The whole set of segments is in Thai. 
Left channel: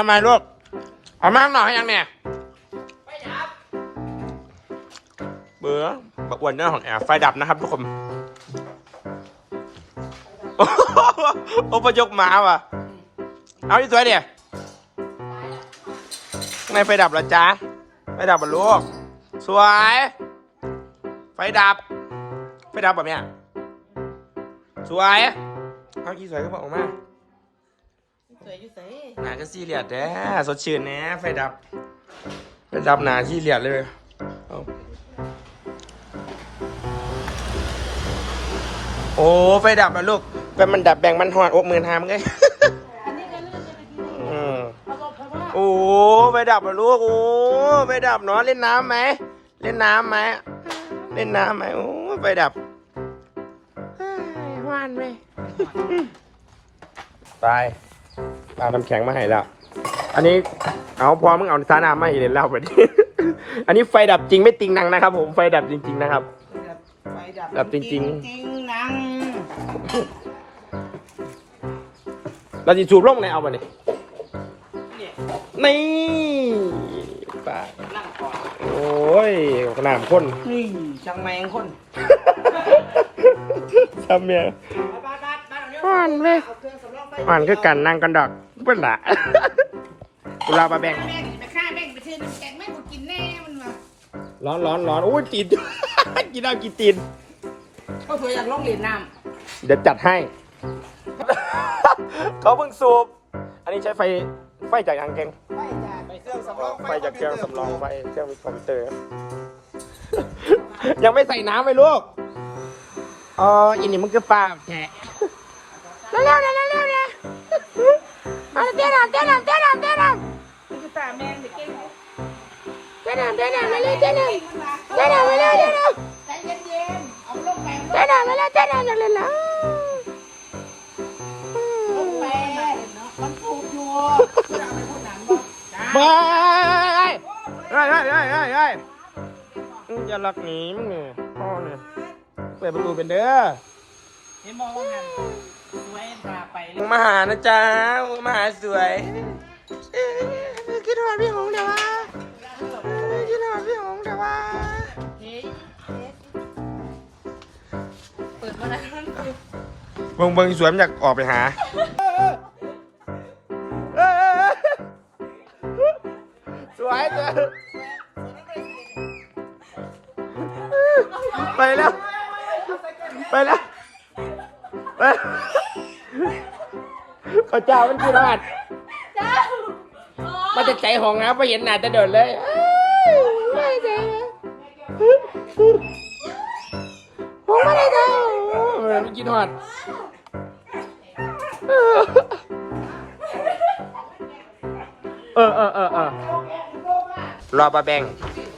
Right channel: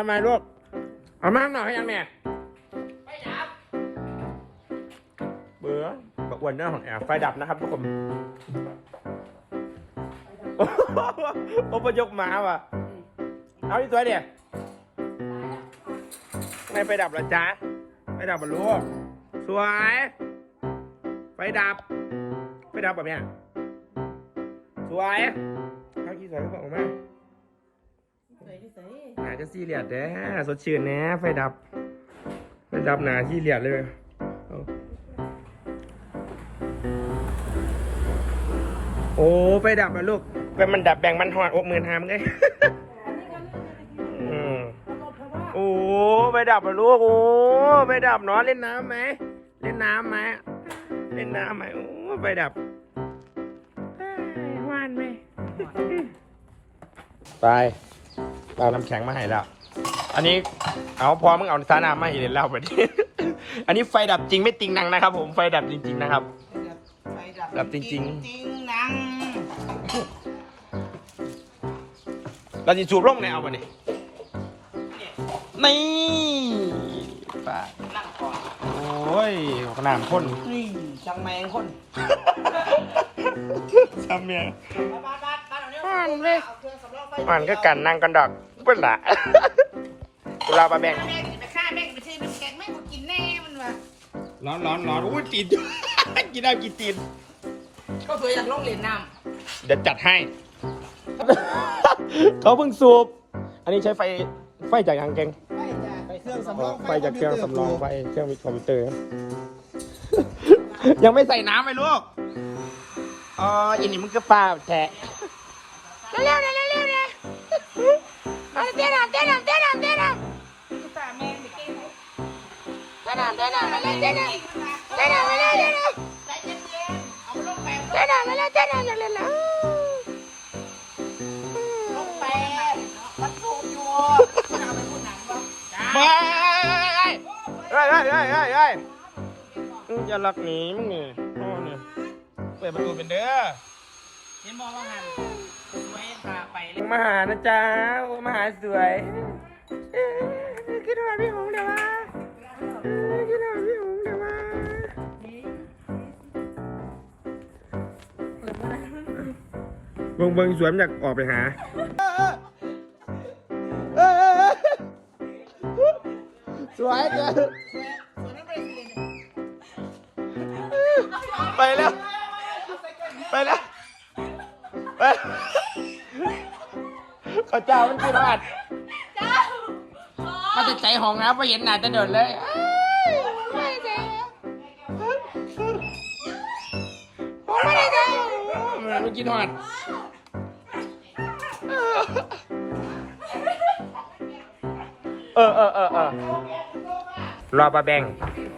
ทำไมลูก เอามากหน่อยให้ยังเนี่ยไปดับ เบื่อประอวนเนื้อของแอร์ไฟดับนะครับทุกคน โอ้โหโอ้ประยกมาว่ะ เอาที่สวยเดียข้างในไฟดับแล้วจ้าไฟดับบ่ลูก สวย ไฟดับ ไฟดับแบบเนี้ยสวย เอาที่สวยก็บอกออกมาสวยอยู่เสย หนาจะซีเรียสแท้สดชื่นแน่ไฟดับไฟดับหนาซีเรียสเลยเอาโอ้ไฟดับนะลูกแบ่งมันดับแบ่งมันหอดอกหมื่นหามไงเออโอ้ไฟดับนะลูกโอ้ไฟดับเนาะเล่นน้ำไหมเล่นน้ำไหมเล่นน้ำไหมโอ้ไฟดับเฮ้ยหวานไหมไป เอาน้ำแข็งมาให้แล้ว อันนี้เอาพอมึงเอาสาน้ำมาให้เล่นแล้วไปดิอันนี้ไฟดับจริงไม่ติงนังนะครับ ผมไฟดับจริง ๆนะครับไปดับดับจริงๆ จริงนังเราจะชูบลงไหนเอาไปเนี่ยนี่ตายโอ้ยขนาดคนนี่จังแมงคนซ้ำเนี่ยอ่อนเลย อ่านคือกันนั่งกันดอกเพื่อนละเราไปแม่งแม่งไปฆ่าแม่งไปซื้อน้ำแกงแม่งกูกินแน่มันว่ะร้อนร้อนร้อนโอ้ยตีน กินได้กินตีนเขาสวยอยากลองเล่นน้เดี๋ยวจัดให้ เขาเพิ่งสูบ อันนี้ใช้ไฟไฟจากยางแกงำไปจ้ะเครื่องสำรองไฟคอจามกพิเควรื่องเตอร์สำรกูองไฟเครื่องคอมพิวเตอร์ ยังไม่ใส่น้ำไปลูกอ๋ออินนี่มันคือฟ้าแทะเร็วเร็วเร็วเร็วเร็ว เต้นเต้นเต้นมาเลยเต้นเต้นเอาเร็วเร็วเร็วใจเย็นๆเอาลงแปะเต้นมาเลยเต้นมาเลยนะลงแปะมันถูกอยู่คุณเอาไปพูดหนังบ่จ้าไปเฮ้ยเฮ้ยเฮ้ยเฮ้ยเฮ้ยอู้จะรักหนีมึงเนี่ยพ่อเนี่ยเปิดประตูเป็นเด้อเห็นบอกว่าหันไว้พาไปเลยมาหานะจ๊ะมาหาสวยเอ๊ะคิดว่าพี่หงเดี๋ยววะเอ๊ะคิดว่าพี่หงเดี๋ยววะเปิดมาแล้วเบิ่งเบิ่งสวยมันอยากออกไปหา สวยจ้ะไปแล้ว ไปแล้วไปพระเจ้ามันคือรอดมาจะใจหงนะไปเห็นหน้าจะเดินเลย ผมไม่ได้เจอเออมันกินหอดเออเออเออเออรอปลาแบง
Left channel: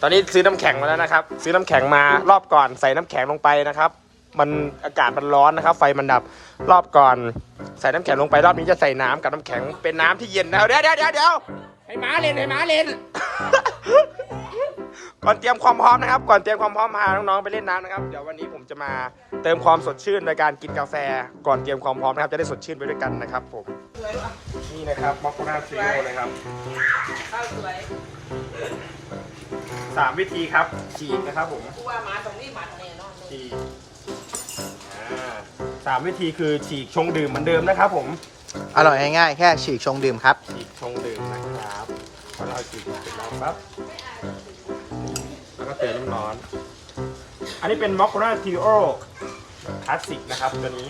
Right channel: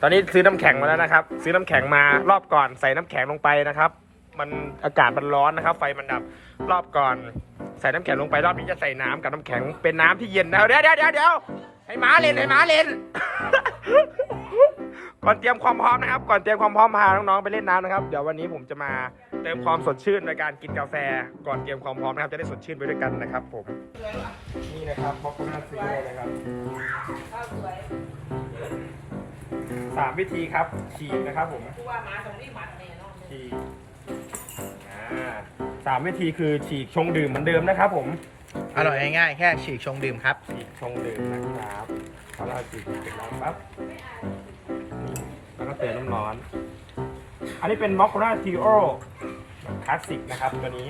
ตอนนี้ซื้อน้ำแข็งมาแล้วนะครับ ซื้อน้ำแข็งมารอบก่อนใส่น้ำแข็งลงไปนะครับ มันอากาศมันร้อนนะครับ ไฟมันดับรอบก่อน ใส่น้ำแข็งลงไปรอบนี้จะใส่น้ำกับน้ำแข็งเป็นน้ำที่เย็นนะเดี๋ยวเดี๋ยวเดี๋ยวเดี๋ยวให้หมาเล่นให้หมาเล่น ก่อนเตรียมความพร้อมนะครับ ก่อนเตรียมความพร้อมพาน้องๆไปเล่นน้ำนะครับ เดี๋ยววันนี้ผมจะมาเติมความสดชื่นในการกินกาแฟ ก่อนเตรียมความพร้อมนะครับ จะได้สดชื่นไปด้วยกันนะครับผม นี่นะครับมอคคุน่าซีโร่นะครับข้าวสวยสามวิธีครับฉีกนะครับผมกูว่ามาตรงนี้มันเนี่ยเนาะฉีกอ่าสามวิธีคือฉีกชงดื่มเหมือนเดิมนะครับผม อร่อยง่ายๆ แค่ฉีกชงดื่มครับ ฉีกชงดื่มนะครับพอเราฉีกเสร็จแล้วปั๊บแล้ว ก็เติมน้ำร้อน อันนี้เป็นมอคคุน่าทีโอคลาสสิกนะครับตัวนี้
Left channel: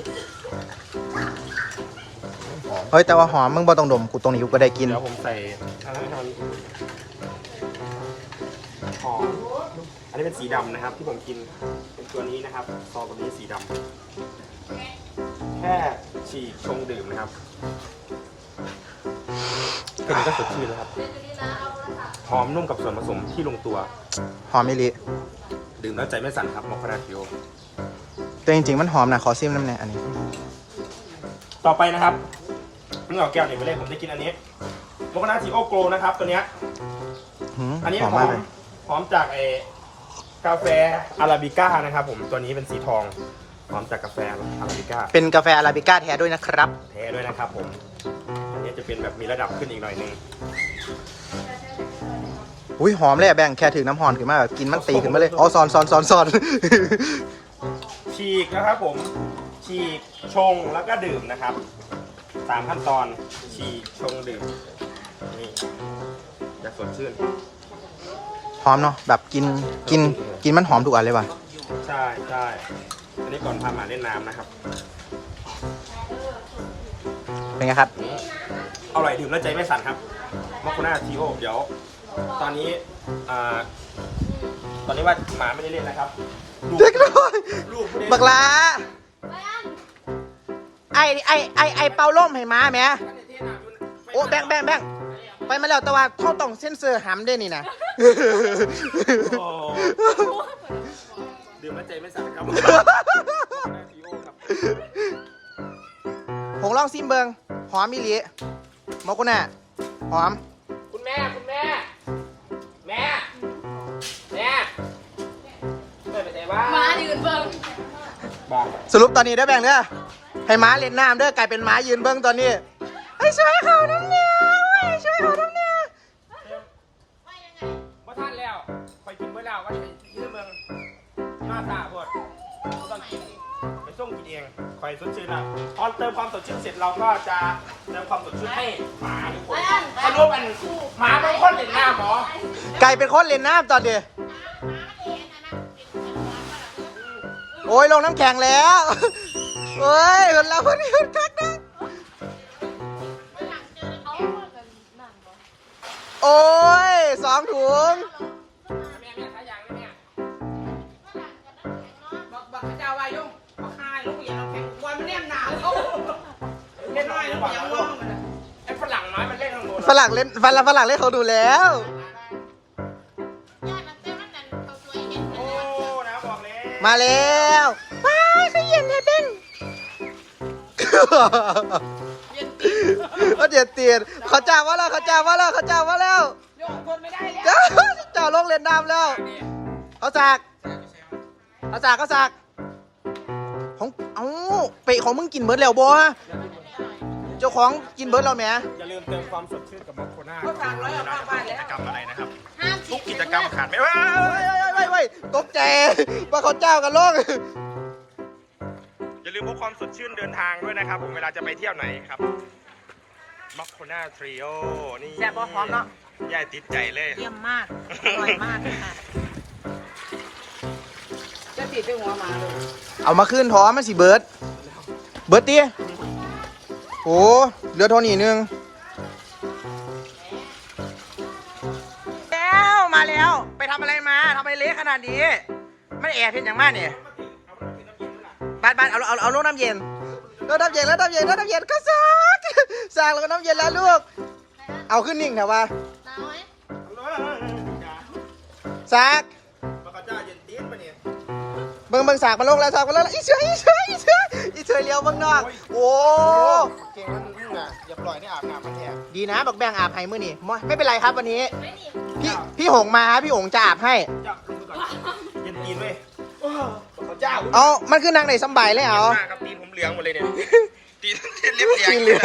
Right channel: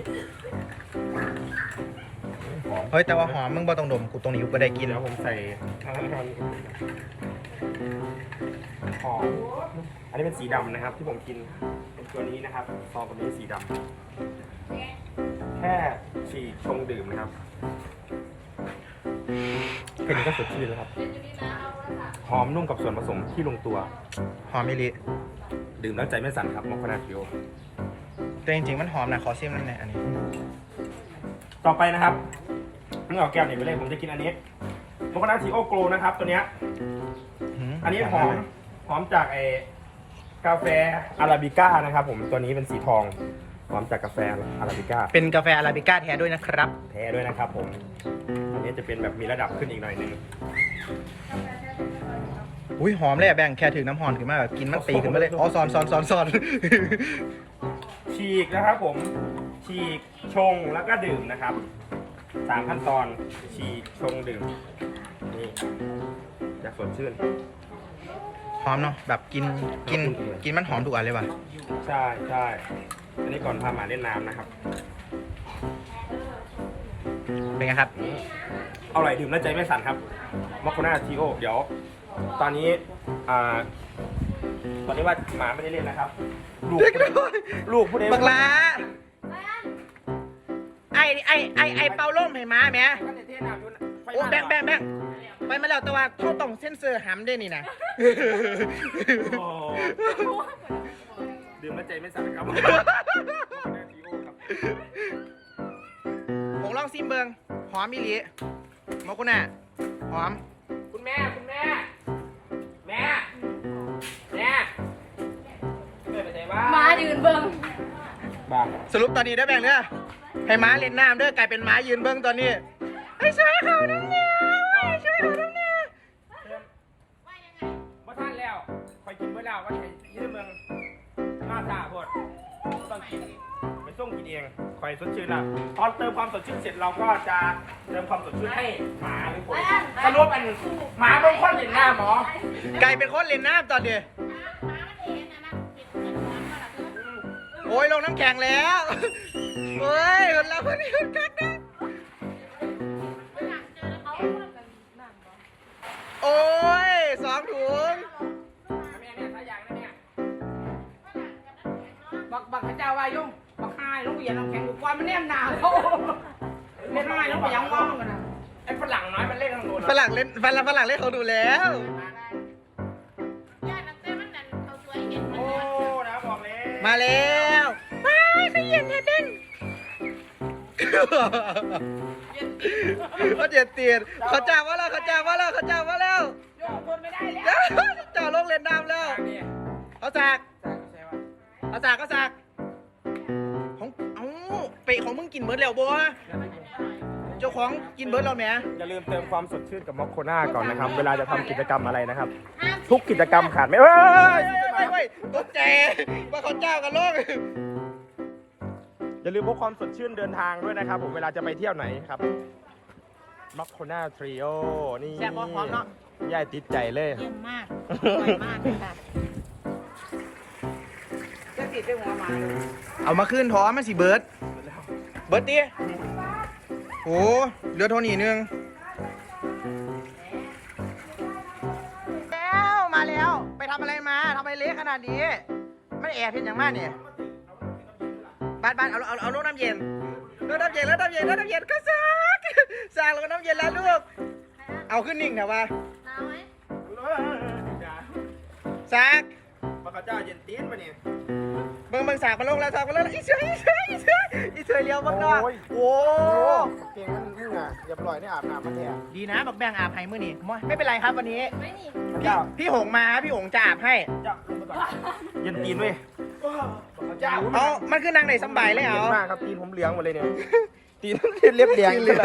หอมเฮ้ยแต่ว่าหอมมึงบ่ต้องดมกูตรงนี้กูก็ได้กิน เดี๋ยวผมใส่ทางนั้นทางนี้หอมอันนี้เป็นสีดำนะครับ ที่ผมกินเป็นตัวนี้นะครับซองตัวนี้สีดำแค่ฉีกชงดื่มนะครับแค่นี้ก็สดชื่นแล้วครับ หอมนุ่มกับส่วนผสมที่ลงตัว หอมมิลิดื่มแล้วใจไม่สั่นครับมอคคานาทิโอแต่จริงๆมันหอมนะขอซิมน้ำแน่อันนี้ ต่อไปนะครับมึงเอาแก้วนี่ไปเลยผมจะกินอันนี้มอคคานาทิโอโกลนะครับ ตัวเนี้ยหืมอันนี้หมอากมเลยหอมจากไอ้กาแฟอาราบิก้านะครับ ผมตัวนี้เป็นสีทองหอมจากกาแฟอาราบิก้าเป็นกาแฟอาราบิก้าแท้ด้วยนะครับ แท้ด้วยนะครับผม อันนี้นี้จะเป็นแบบมีระดับขึ้นอีกหน่อยนึง อุ้ยหอมเลยอะแบ่งแค่ถือน้ำหอนขึ้นมาแบบกินมันตีขึ้นมาเลยอ๋อซอนซอนซอนซอน ฉีกนะครับผม ฉีกชงแล้วก็ดื่มนะครับสามขั้นตอนฉีกชงดื่มนี่อยากสดชื่น หอมเนาะแบบกินกินกินมันหอมทุกอันเลยว่ะใช่ใช่อันนี้ก่อนพาหมาเล่นน้ำนะครับ เป็นไงครับ เอาไหร่ดื่มแล้วใจไม่สั่นครับมอคโคนาทีโอ เดี๋ยว ตอนนี้อ่าตอนนี้ว่าหมาไม่ได้เล่นนะครับ ลูกเด็กน้อยลูกผู้ใดบักลาไอไอไอไอเป่าล่มให้ม้าแหม่โอ้แบ่งแบ่งแบ่งไปมาแล้วแต่ว่าเขาต้องเซ็นเซอร์หำด้วยนี่นะ โอ้ดื่มแล้วใจไม่สั่นครับทีโอครับผมลองซิมเบิงหอมอีหลีมอกุน่ะหอมคุณแม่ ยืนเบิ่งบ้าสรุปตอนนี้ได้อแบ่งเด้อให้ม้าเล่นน้ำเด้อกลายเป็นม้ายืนเบิ้งตอนนี้ไอ้ยช่วยเขาน้ำเนี่ยเว้ยช่วยเขาน้ำเนี่ยว่าท่านแล้วคอยกินเมื่อแล้วว่าจะยืมเมืองหน้าตาพวดก็ต้องกินไปส่งกินเองคอยสดชื่นละพอเติมความสดชื่นเสร็จเราก็จะเติมความสดชื่นให้หมาทุกคนสรุปอันหมาบางคนเห็นหน้าหมอกลายเป็นคนเล่นน้ำตอนนี้ โอ้ยลงน้ำแข็งแล้วโอ้ยคนเราคนนี้คนทักนะโอ้ยสองถุงแม่แม่ขายางนะเนี่ยบักบักพระเจ้าว่ายุ่งบักหายลูกอย่างน้ำแข็งวันมันแนมหนาวเขาเล็กน้อยแล้วก็ยังร้องเลยไอ้ฝรั่งน้อยมันเล่นทางโน้นฝรั่งเล่นฝรั่งฝรั่งเล่นเขาดูแล้ว มาแล้วว้ายเขาเย็นเลยเป็นเขาเดียดเตียนเขาจ้างว่าแล้วเขาจ้างว่าแล้วเขาจ้างว่าแล้วยกคนไม่ได้แล้วเจ้าลงเล่นน้ำแล้วเขาสากเขาสากเขาสากของเอ้าเปะของมึงกินเบิร์ดแล้วบ่เจ้าของกินเบิร์ดแล้วแหมอย่าลืมเติมความสดชื่นกับมอคโคน่าก่อนนะครับเวลาจะทำกิจกรรมอะไรนะครับ ทุกกิจกรรมขาดไม่ เอ้ยเฮ้ยเฮ้ยเฮ้ยเฮ้ยตกใจว่าเขาเจ้ากันลงอย่าลืมพกความสดชื่นเดินทางด้วยนะครับ ผมเวลาจะไปเที่ยวไหนครับมอคโคน่าทริโอนี่แซ่บบ่พร้อมเนาะย่ายติดใจเลยเยี่ยมมากอร่อยมากค่ะจะติดด้วยหัวหมาเอามาขึ้นท้อมาสิเบิร์ดเบิร์ดตีโอ้เหลือเท่านี้หนึง ขนาดนี้ไม่แอบเห็นอย่างมากเนี่ยบ้านบ้านเอาเอาเอาลูกน้ำเย็นลูกน้ำเย็นแล้วน้ำเย็นแล้วน้ำเย็นก็ซักซักแล้วก็น้ำเย็นแล้วลูก เอาขึ้นนิ่งเถอะวะซักพระเจ้าเย็นตีนปะเนี่ยเบิ่งเบิ่งสากมาลงแล้วสากมาลงแล้วอีเสืออีเสืออีเสืออีเสือเลี้ยวเบิ่งนอกโอ้ยโอ้เก่งมันมึงอะอย่าปล่อยให้อาบน้ำมาแทนดีนะบักแบงอาบให้มื้อนี้ไม่ไม่เป็นไรครับวันนี้ไม่นี่พี่พี่หงมาครับพี่หงจะอาบให้ เจ้าลงไปก่อนเย็นตีนเว้ยพระเจ้าเอามันคือนางในสำบายเลยเย็เอานมากครับตีนผมเหลืองหมดเลยเนี่ย ตีนเรียบเรียงเลย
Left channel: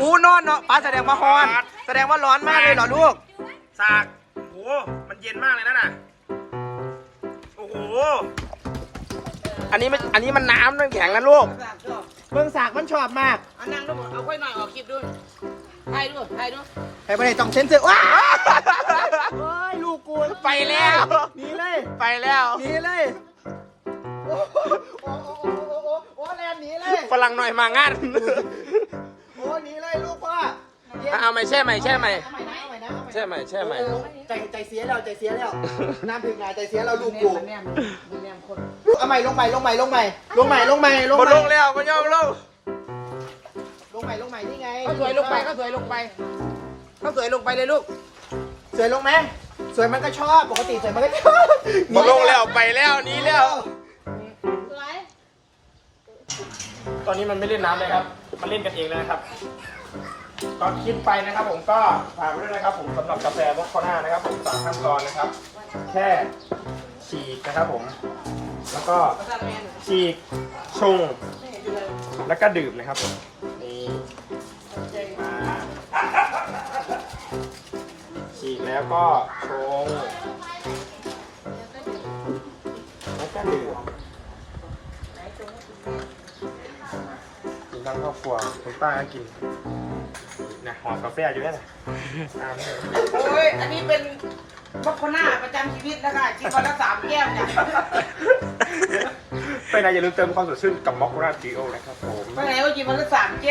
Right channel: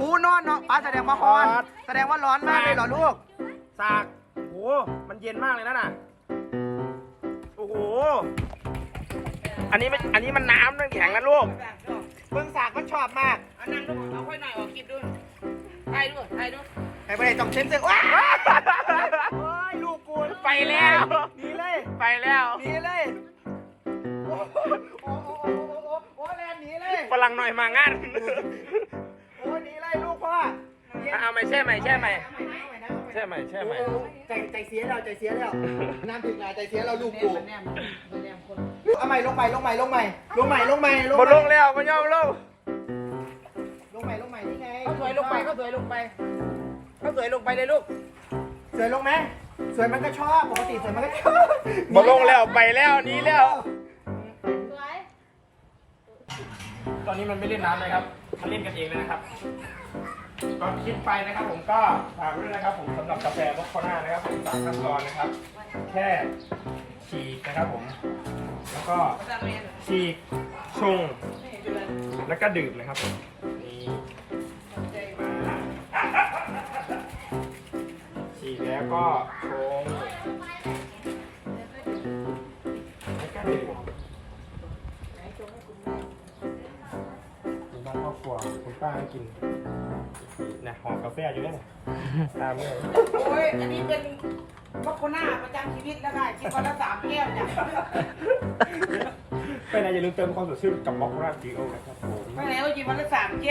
อู้นอนเนาะป้าแสดงว่าร้อนแสดงว่าร้อนมากเลยเหรอลูก สากโอ้โห มันเย็นมากเลยนะน่ะ โอ้โห อันนี้มันอันนี้มันน้ำน้ำแข็งนะลูก เบิ่งสากมันชอบมากเอานั่งลูกเอาค่อยหน่อยออกคลิปดูไอ้ลูกไอ้ลูกไอ้ประเด็นต้องเซ็นเซอร์ว้าเฮ้ยลูกกู ไปแล้วหนีเลยไปแล้วหนีเลยโอ้โหโอ้โหโอ้โหโอ้โหโอ้โหแลนหนีเลยฝรั่งหน่อยมางานโอ้หนีเลยลูกพ่อเย็นเอาไหมแช่ไหมแช่ไหมเอาใหม่นะเอาใหม่นะเอาใหม่นะ แช่ไหมแช่ไหมโอ้โหใจใจเสียแล้วใจเสียแล้วน้ำถึงงานใจเสียแล้วลูกกูแนมมันแนมคนลูกเอาใหม่ลงใหม่ลงใหม่ลงใหม่ลงใหม่ลงใหม่ลงบใหนม่ลงแล้วมันยอมลงลงใหม่ลงใหม่นี่ไงก็สวยลงไปก็สวยลงไป ก็สวยลงไปเลยลูกสวยลงไหม สวยมันก็ชอบปกติสวยมันก็ชอบบนลงแล้วไปแล้วหนี้แล้ว สวยตอนนี้มันไม่เล่นน้ำเลยครับ มันเล่นกันเองเลยนะครับ ตอนคลิปไปนะครับ ผมก็ฝากไว้ด้วยนะครับ ผมสำหรับกาแฟมอคโคน่านะครับ ผมสามขั้นตอนนะครับ แค่ฉีกนะครับ ผม แล้วก็ฉีกชงแล้วก็ดื่มนะครับผมนี่ แล้วก็ชงแล้วก็ดื่มกินทั้งครอบครัวคุณป้าก็กินนะหอมกาแฟอยู่เนี่ยนะตามนี้เลยโอ้ย อันนี้เป็นมอคโคน่าประจำชีวิตแล้วค่ะกินวันละสามแก้วจ้ะไปไหนอย่าลืมเติมความสดชื่นกับมอคคุราจิโอนะครับผมไม่ไหนว่ากินวันละสามแก้ว